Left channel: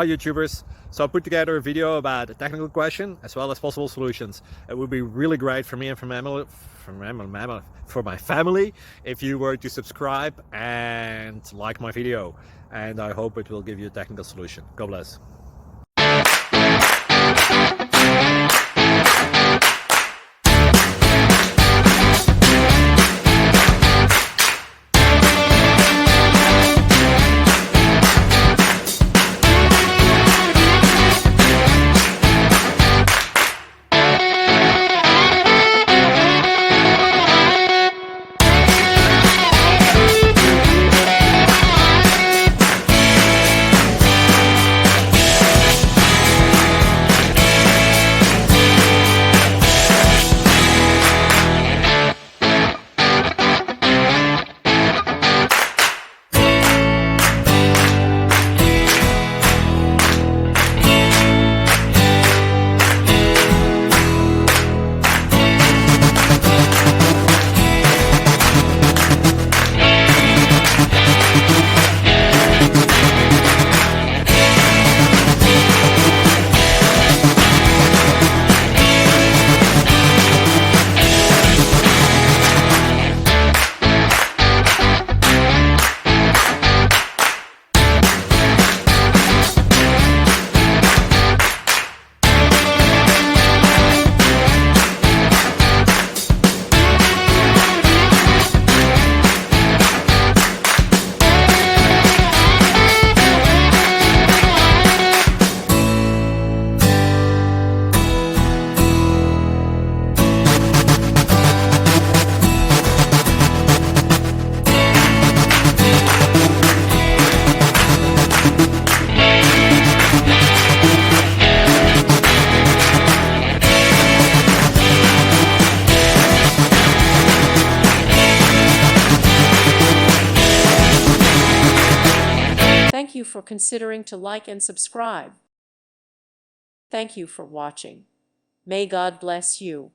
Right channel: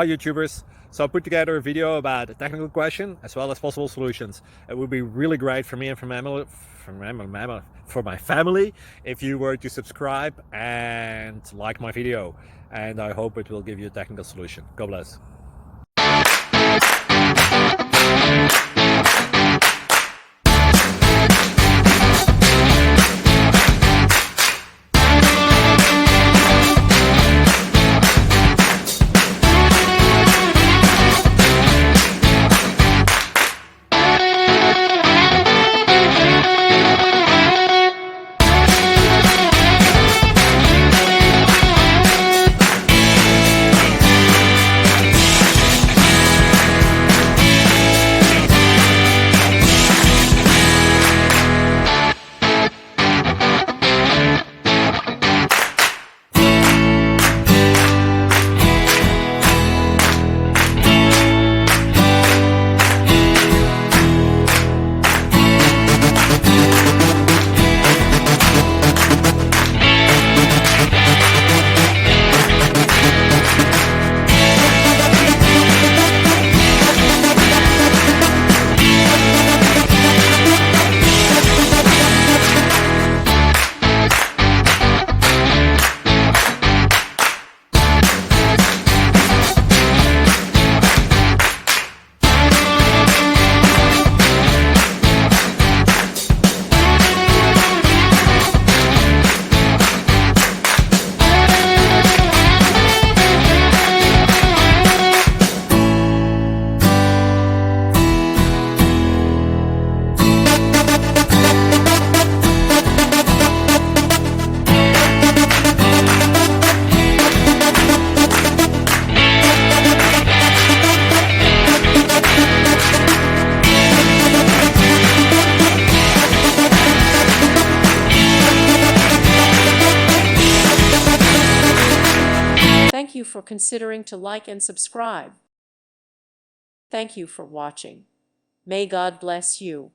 Hi YouTubers. So I put together a video about a technical question as well as possible solutions. It would be really great for me and for my family if you were to subscribe and like my video. And I hope it will give you a technical solution. God bless. Thank you for considering to like and subscribe. Thank you for watching. May God bless you.